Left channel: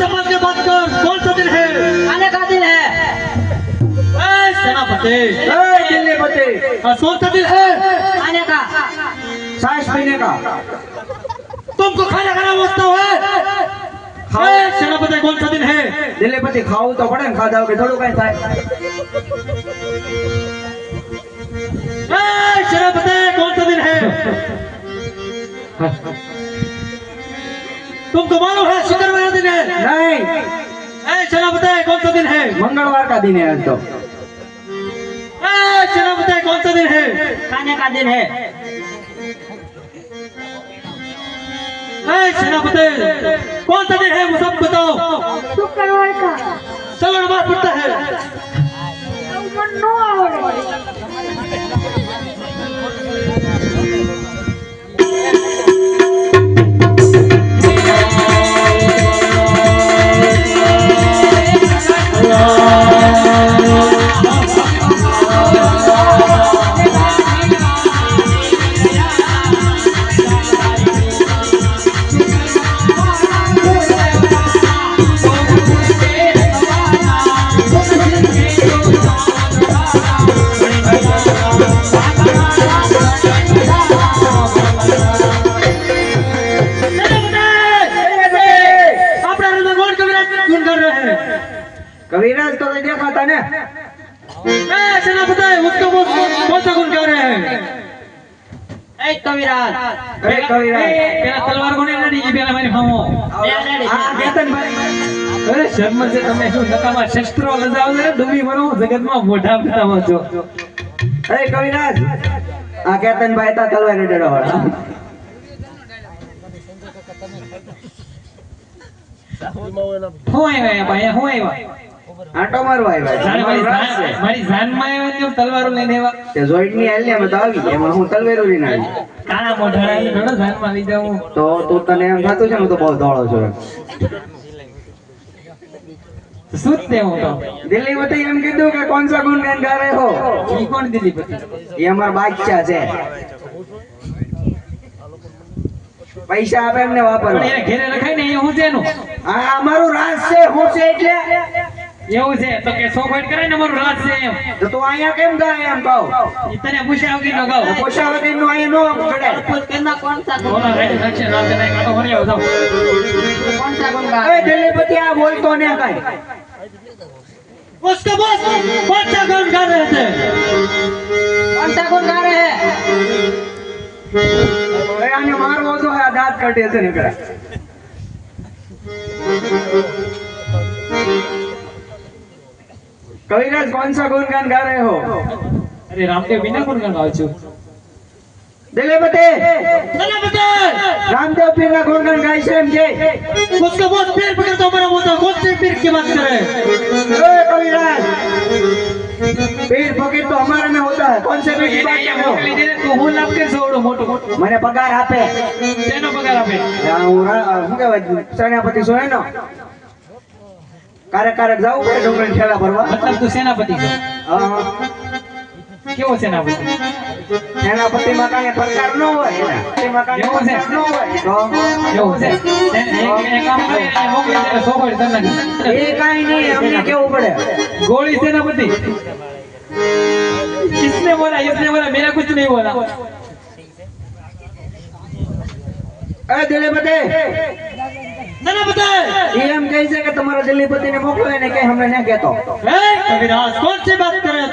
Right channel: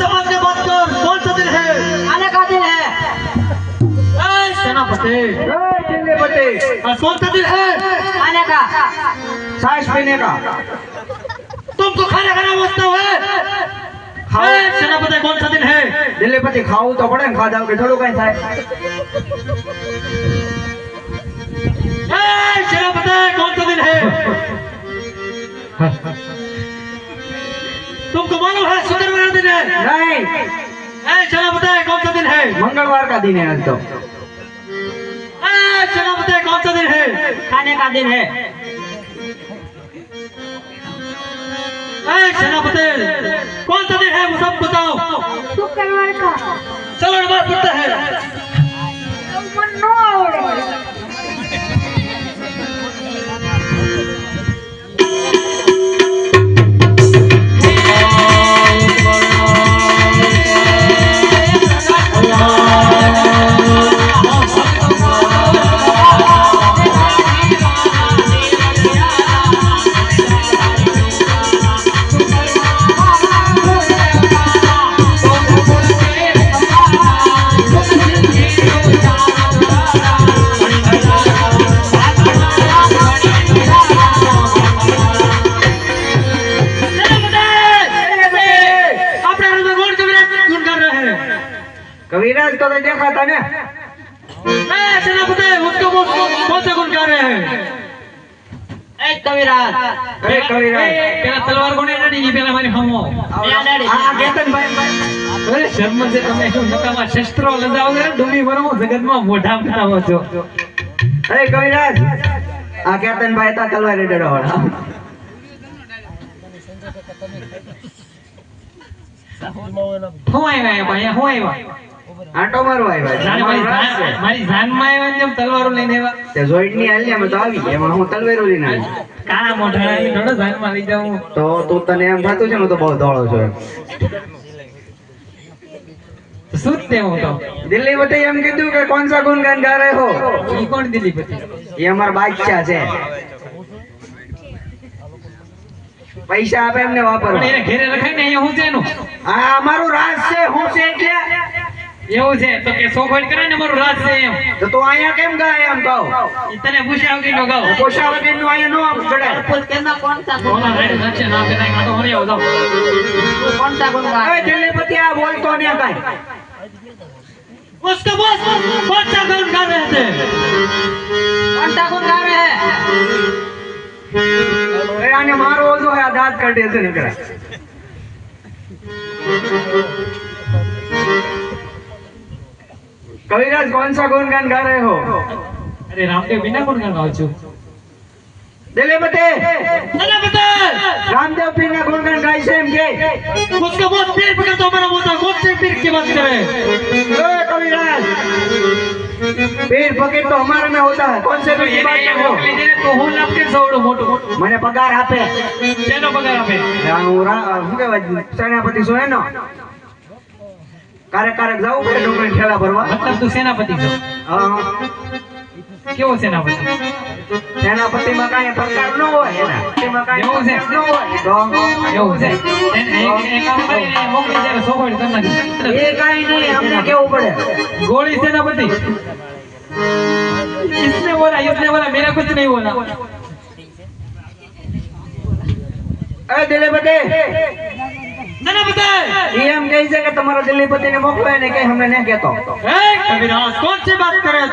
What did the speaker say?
समाज के बात कर कौन सा दिन है आने का दिन है ए, सेनापति ए, दिल्लीपति और कौन सा दिन है आने का सांस पीने का तुमको खाना खाना मुझसे है हाँ। ए, सेनापति कौन सा दिन है દિલ્હીપતિ ખાવું તો પડે ને ખાધા વગર થોડું કઈ થાય है मंगलवार का दिन है आज तो चलो बताए कौन सा दिन है खाने का दिन है कौन सा दिन है सब बताओ शुक्रवार का चलो नमाज पड़ता है गुण कर रहे हैं કવિરાજ તો કઈ દેખાતા ને ए, सेनापति उसको वो कौन सा गुण कर रहे हैं एक कविराज અરે કવિરાજ પેલા તલવાર કોને નડી ગઈ પેલા મારી હામો આ કેતનભાઈ અરે શર્મ છે તમે શું નકામા શસ્ત્રો લજાવો છો ને ડુમી બનો જગતમાં મોઢા બનાવો છો અરે કવિરાજ આ કેતનભાઈ હતા તલવારી ડડો વાળા હું આવ્યા ભાઈ હું આવ્યા. આંટો મારવા આવ્યા. જાણે મારી જાનમાં આવ્યા તલવારો લઈને આવ્યા. તે જોઈન્ટની હાલી અમે તો આવી એમાં હું તલવારો લઈને આવી કાળા મોઢા લઈને થોડો જાનમાં લઈ જાઉં. તો તું તને એમ થતું છે ને તો બહુ ધોળો છો જ હું તો? દિલ્હી વતી એમ કીધું કે કોણ સા ગુણગાન ગા રહે હો? ઈ કોણ દિલીપતિ એ અમારા બાદશાહ છે. પૈસા આપે એમને પણ વાપરવા એને ઘેરે લખાય ને અહીંયા હું છે એનું આ અમારું રાસ છે હું છે એટલે એવું છે તો કે સોખવટ કરે ને અમારું રાજ છે એમ તો તું અહીંયા કેમ ગાય એમ કહો ઈ તને પૂછ્યા વગર નો ગાવ પોષા વગર નું અહીંયા નો ચડે कुछ कहना कौन सा गुण ઓલા રેડ નાખશે ને આપણે કાંઈ કાંટો મરી આવો જાઓ कौन सा गुण એ દિલ્હીપતિ આ બોલતો ને કાંઈ उसके बॉस कौन सा गुण कर रहे थे कौन सा गुण गा रहे हैं એ આને મારવો જો આ દાંત કાઢે છે ને કરા કવિરાજ कौन सा गुणगान गा रहे हो અરે રામદેવ બિના કોણ ગાવ છું દિલ્હીપતિ सेनापति રામદેવ પીર ના ગુણગાન ગાય છે એમ કે उसके बॉस पेड़ पकड़ तो हमारा बोलता कौन से पीर की बात कर रहे हैं ए कविराज पीर फकीर तो हमारे में होता है कौन से पीर की बात कर रहे મોકલી हो દે ને તો હું લાભ કે સવડો મોટો મને પગાર આપે તેનો પગાર આપે આ હું રા- શું કહેવાય સેનાપતિ છું એનો કારક કારક જાવું પડે ડોંગર ઠેલા ભરવા મતલબ તું સેનાપતિ છો હા. કેવું છે એના પછી એના પતિમાં કાંઈ પ્રકાર ન હોય એના પતિમાં કાંઈ એવું છે ન હોય તો એવું છે એ કામ કરીને મોકલી જયારે સોગોડી તને એ કાંઈ નહીં અમને કેવું પડે ગોળી છે એના પતિ કિસને બોલા કિસને બોલા મેરા કુછ નહીં બોલા અરે દેલે બટે એમ કહે છે કે તમારા દિલ્હી પતિ ને મોકલો ને કે હમણાં ન કેતો કવિરાજ કોણ છે વાત કરે